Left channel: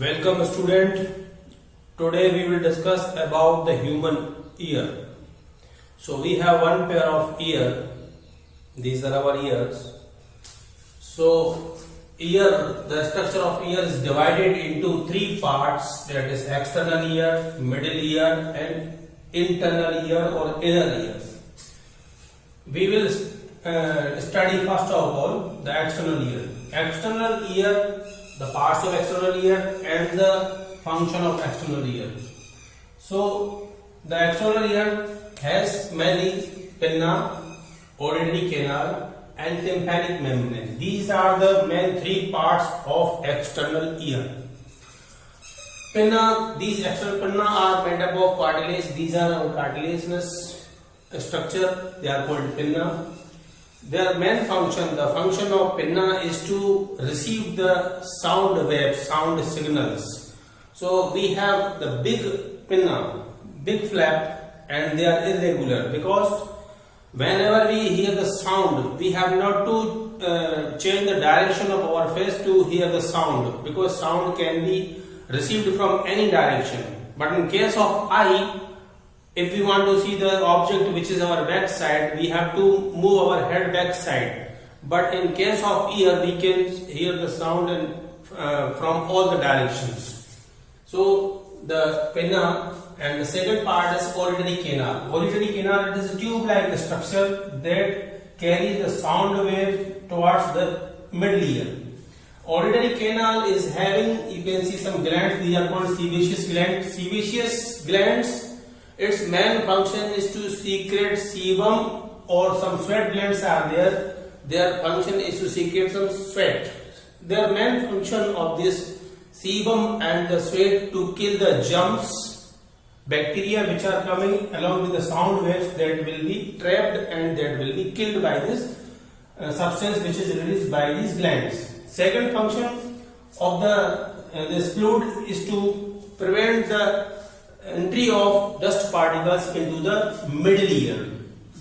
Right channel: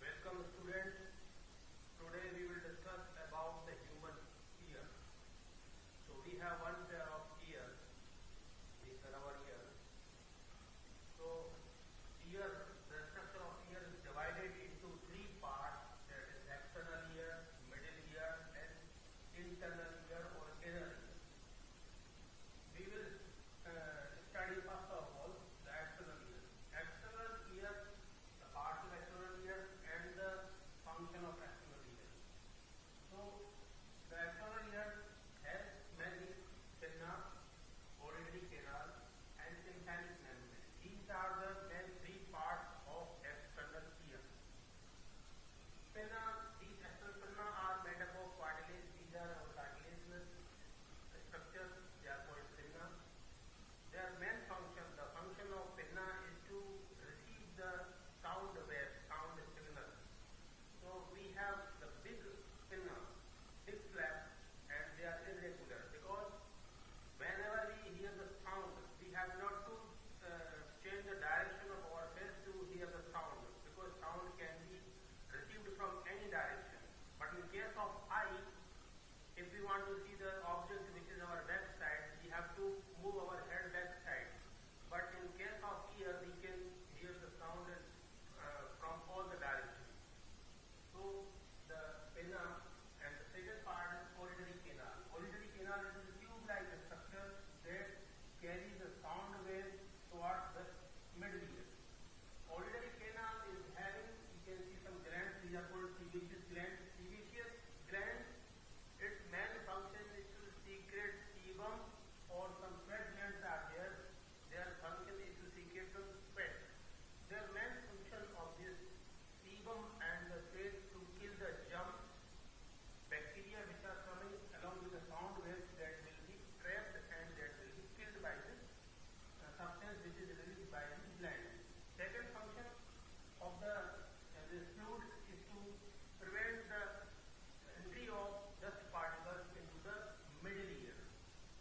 Welcome student. Today we will discuss about the human ear. So we have one pair of ear. These are our ears. So ear, the structure of ear is divided into three parts, that is external ear, middle ear and internal ear or inner ear. We will study first of all the external ear. External ear, the parts of external ear and the function of external ear. So the external ear has many pinna, auditory canal and tympanic membrane. These are the main three parts of external ear. Pinna, these external pinna are made up of cartilage. These are our cartilaginous structure. They are called pinna. Their main function, the function of pinna is to receive the sound waves, sound signals. So we have the big pinna, big flap, and they are irregular because whenever we hear the sound, we have not to change the direction of our face to hear the sound, because sound can be received from any direction. But in case of eye, if we want to see the object which is our back side, we have to move our head back side. But in case of ear, we can hear the sound from all the directions. So the pinna, and the second part is auditory canal. Auditory canal, it is a tube-like structure that carries the sound waves towards the middle ear. Auditory canal is having, you can see some glands. These are called sebaceous glands. Sebaceous glands, its main function is to secrete sebum, or some sweat glands are there. Their function is to secrete some sweat. Their main function of this sebum and the sweat to kill the germs, bacteria which are coming along with the sound waves, that will be trapped and that will be killed by this substance which is released by these glands. Second function of this fluid is to prevent the entry of dust particles into the middle ear.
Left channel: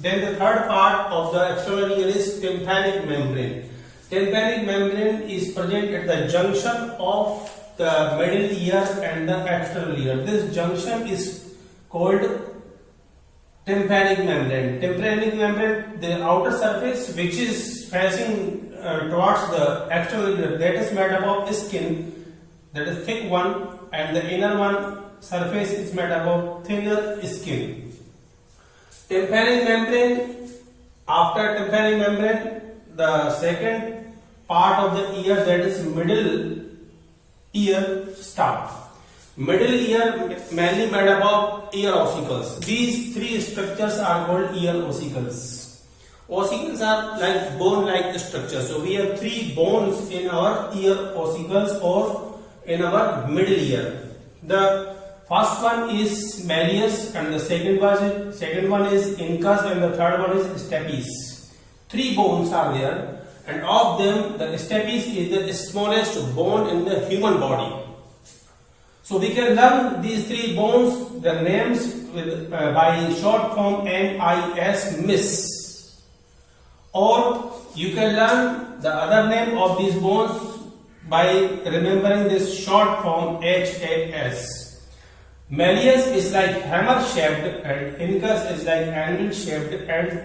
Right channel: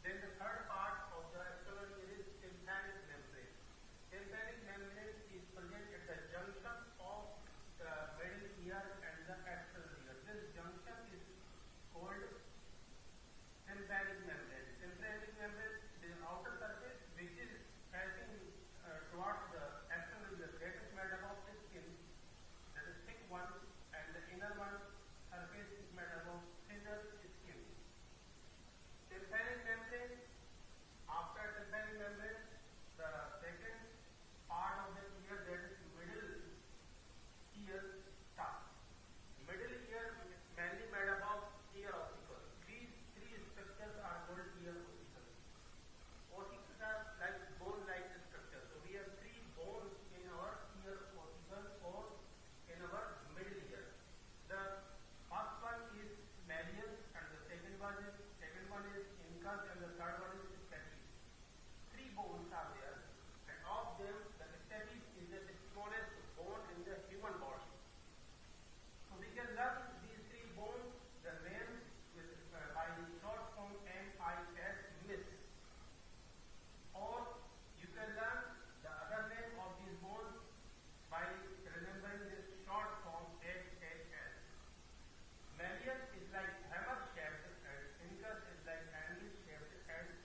Then the third part of the external ear is tympanic membrane. Tympanic membrane is present at the junction of the middle ear and the external ear. This junction is called tympanic membrane. Tympanic membrane, the outer surface which is facing towards the external ear, that is made up of skin, that is thick one, and the inner one surface is made up of thinner skin. Tympanic membrane, after tympanic membrane, the second part of the ear, that is middle ear, start. Middle ear mainly made up of ear ossicles. These three structures are called ear ossicles. Ossicles are like bone-like structures. So we have three bones in our ear ossicles or in our middle ear. The first one is malleus, and the second one is incus, and the third one is stapes. Three bones are there, and of them the stapes is the smallest bone in the human body. So we can learn these three bones, the names by short form MIS, MIS, or you can learn the other name of these bones by remembering this short form HAS. Malleus is like hammer shaped, and incus is like anvil shaped, and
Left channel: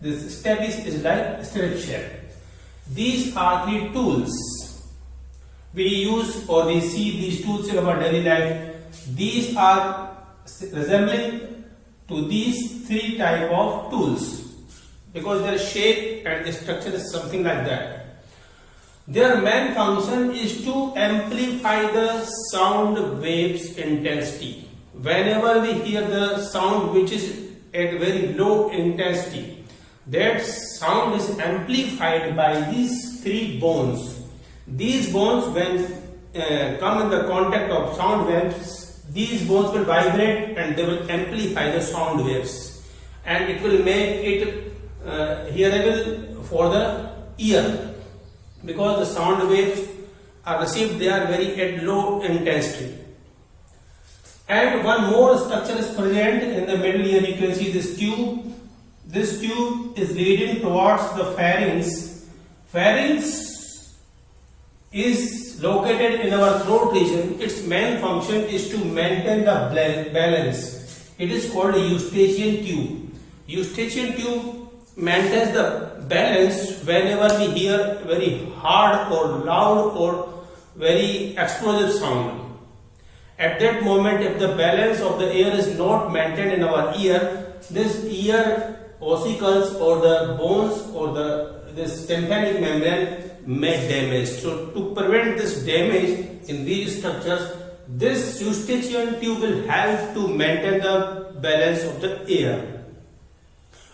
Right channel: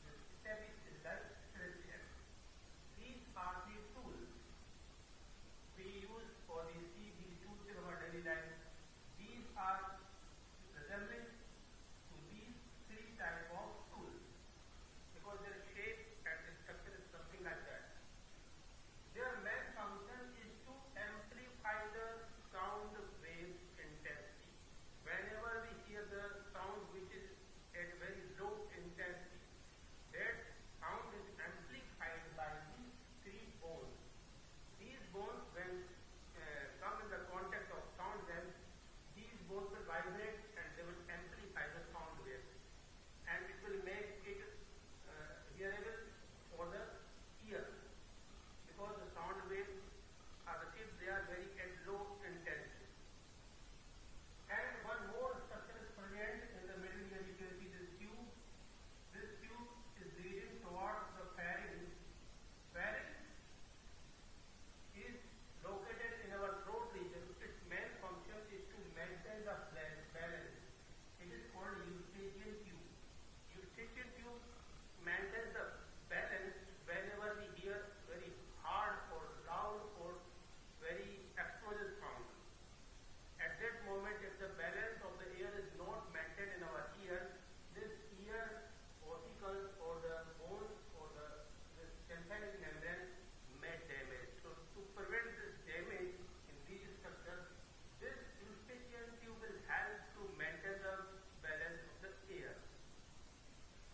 this stapes is like strip shaped. These are three tools we use, or we see these tools in our daily life. These are resembling to these three type of tools because their shape and the structure is something like that. Their main function is to amplify the sound waves intensity. Whenever we hear the sound which is at very low intensity, that sound is amplified by these three bones. These bones, when come in the contact of sound waves, these bones will vibrate and they will amplify the sound waves, and it will make it hearable for the ear, because the sound waves are received, they are very at low intensity. And one more structure is present in the middle ear. You can see this tube. This tube is leading towards the pharynx. Pharynx is located in our throat region. Its main function is to maintain the balance. It is called eustachian tube. Eustachian tube maintains the balance whenever we hear very hard or loud or very explosive sound. At that moment, if the balance of the air is not maintained in our ear, this ear ossicles or the bones or this tympanic membrane may damage. So to prevent this damage in these structures, this eustachian tube will help to maintain the balance of the air.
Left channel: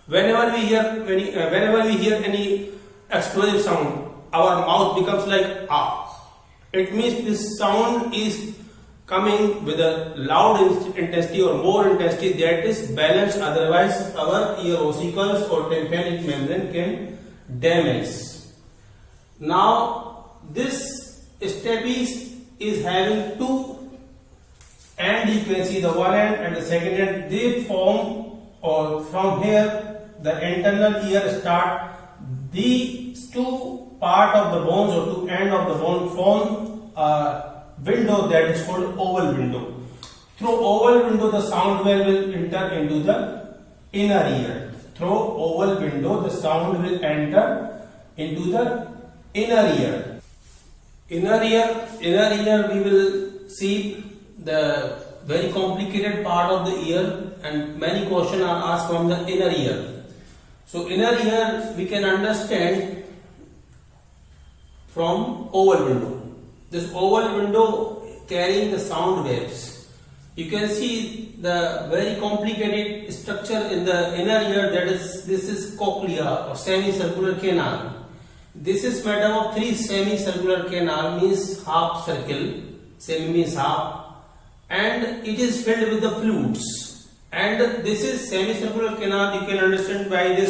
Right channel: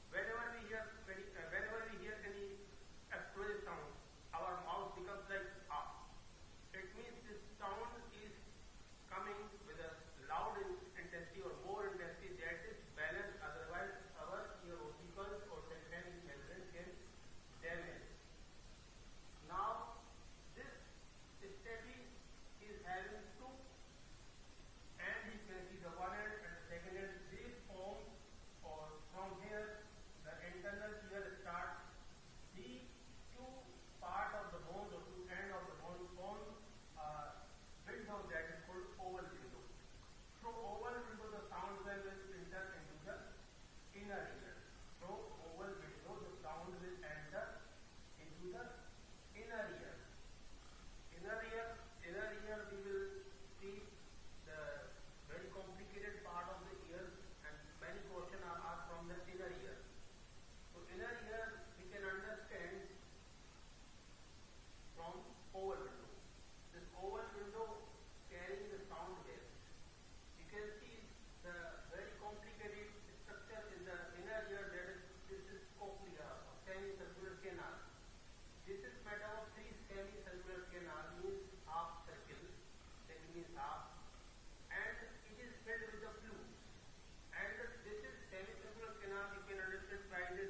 Whenever we hear any explosive sound, our mouth becomes like ah. It means this sound is coming with a loud intensity or more intensity that is balanced, otherwise our ear ossicles or tympanic membrane can damage. Now this stapes is having two end, you can see the one end and the second end, they form, or from here the internal ear start, these two part of the bones or two end of the bone form a window that is called oval window. Through oval window the sound wave will enter into the inner ear. Through oval window the sound will enter into the inner ear. Inner ear we will see the very complicated part of the ear, and many questions are asked from the inner ear. So inner ear we can understand from oval window. This oval window carrying the sound waves. You can see the very complicated structure in the inner ear, that is, this is cochlea or semicircular canal. This is made up of three semicircular canal, means half circle, semi means half, and it is filled with the fluids. And this is semicircular canal, you can understand by the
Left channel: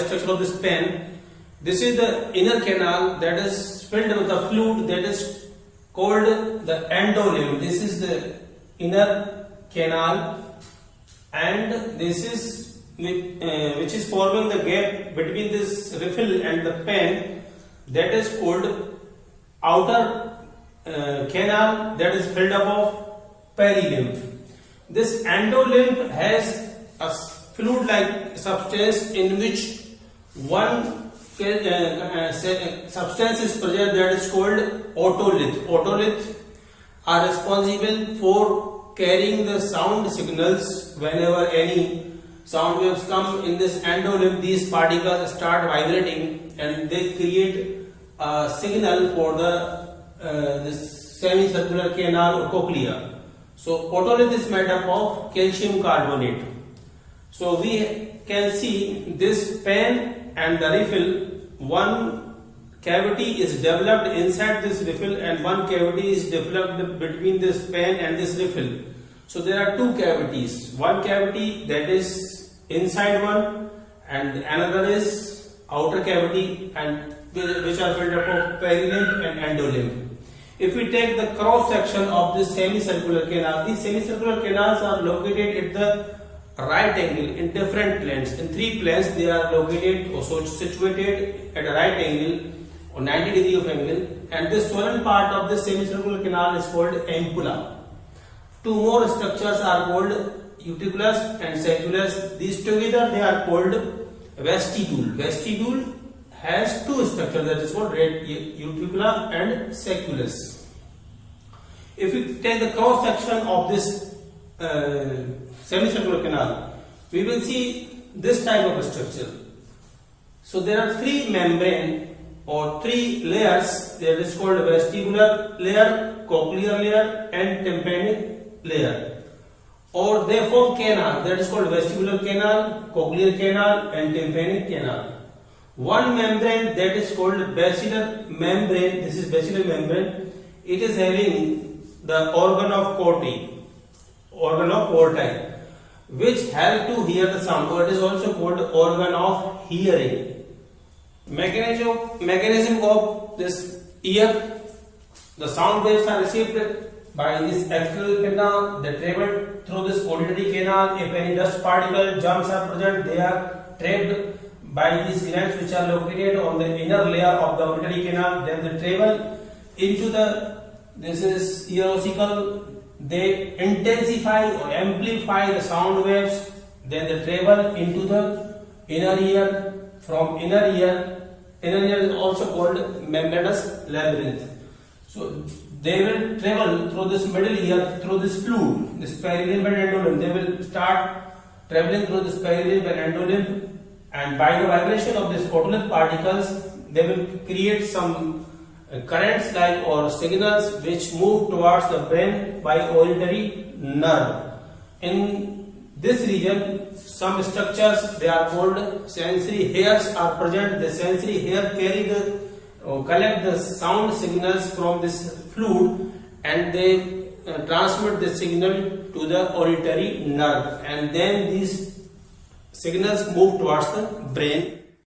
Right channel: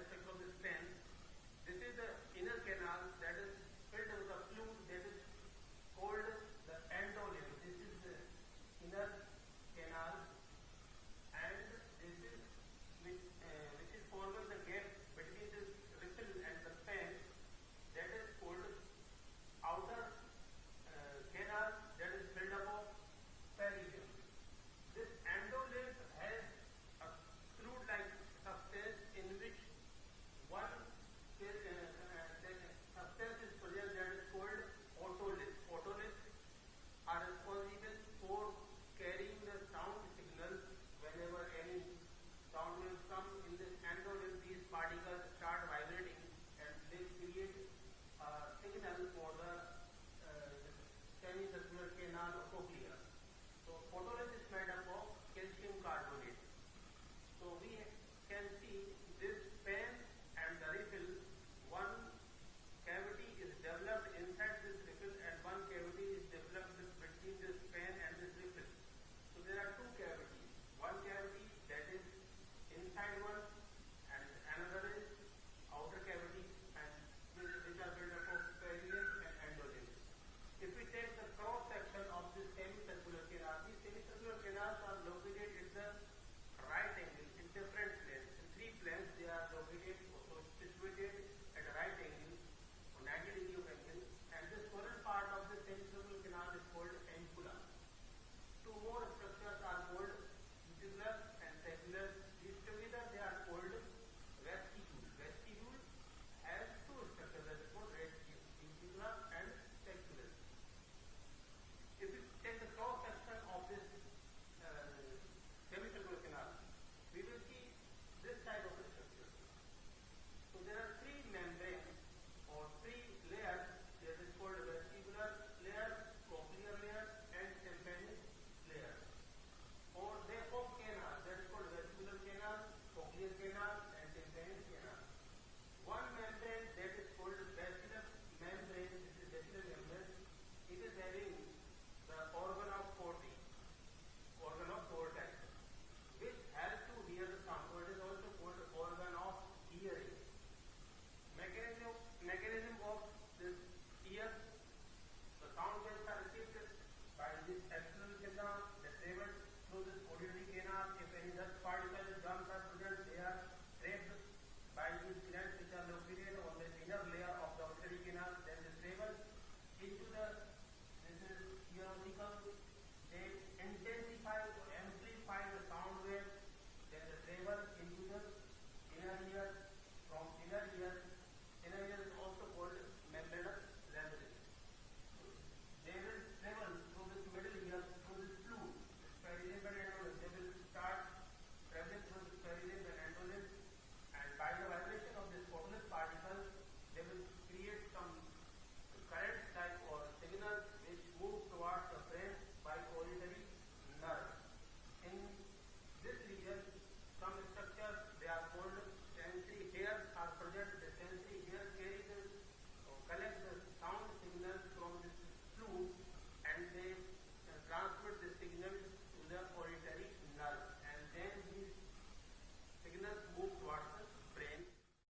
structure of this pen. This is the inner canal that is filled with a fluid that is called the endolimb. This is the inner canal, and this is which is forming the gap between this refill and the pen, that is called outer canal, that is filled up of perilymph. This endolimb has a fluid-like substance in which one substance is present, that is called otolith. Otolith are responsible for carrying the sound signals. Whenever any sound waves come in this endolimb, these particles start vibrating and they create a signal for the this semicircular canal or cochlea. So otolith is made up of calcium carbonate. So we can see this pen and the refill, one cavity is developed inside this refill and one cavity is developed between this pen and this refill. So there are two cavities, one cavity that is inside one and another is outer cavity, and which are filled up of perilymph and endolimb. If we take the cross section of this semicircular canal, these semicircular canals are located at the right angle in different planes. In three planes they are located or situated at a right angle or 90 degree of angle, and this swollen part of this semicircular canal is called ampulla. Two more structures are called uticulus and sacculus. These together they are called vestibule. Vestibule has two structures, that is called uticula and sacculus. If we take the cross section of this semicircular canal, we will see this type of structure. So there are three membrane or three layers, that is called vestibular layer, cochlear layer and tympanic layer, or they form canal, that is called vestibular canal, cochlear canal and tympanic canal. One membrane, that is called basilar membrane, this is basilar membrane, it is having the organ of Corti, which help to hear the sound, or it is also called organ of hearing. Mechanism of this ear, the sound waves are received by this axial pinna, they travel through this auditory canal. If any dust particle germs are present, they are trapped by these glands which are located on the inner layer of the auditory canal. Then they travel into this is ear ossicle. They intensify or amplify the sound waves. Then they travel into the inner ear. From inner ear is also called membranous labyrinth. So they will travel through this middle ear, through this fluid, this perilimb and endolimb. They will start traveling through this perilimb and endolimb, and by the vibration of these otolith particles, they will create some currents like or signals which move towards the brain by auditory nerve. In this region, some structures, they are called sensory hairs, are present. The sensory hair carry collect the sound signals from this fluid, and they transmit the signal to the auditory nerve, and then these signals move towards the brain.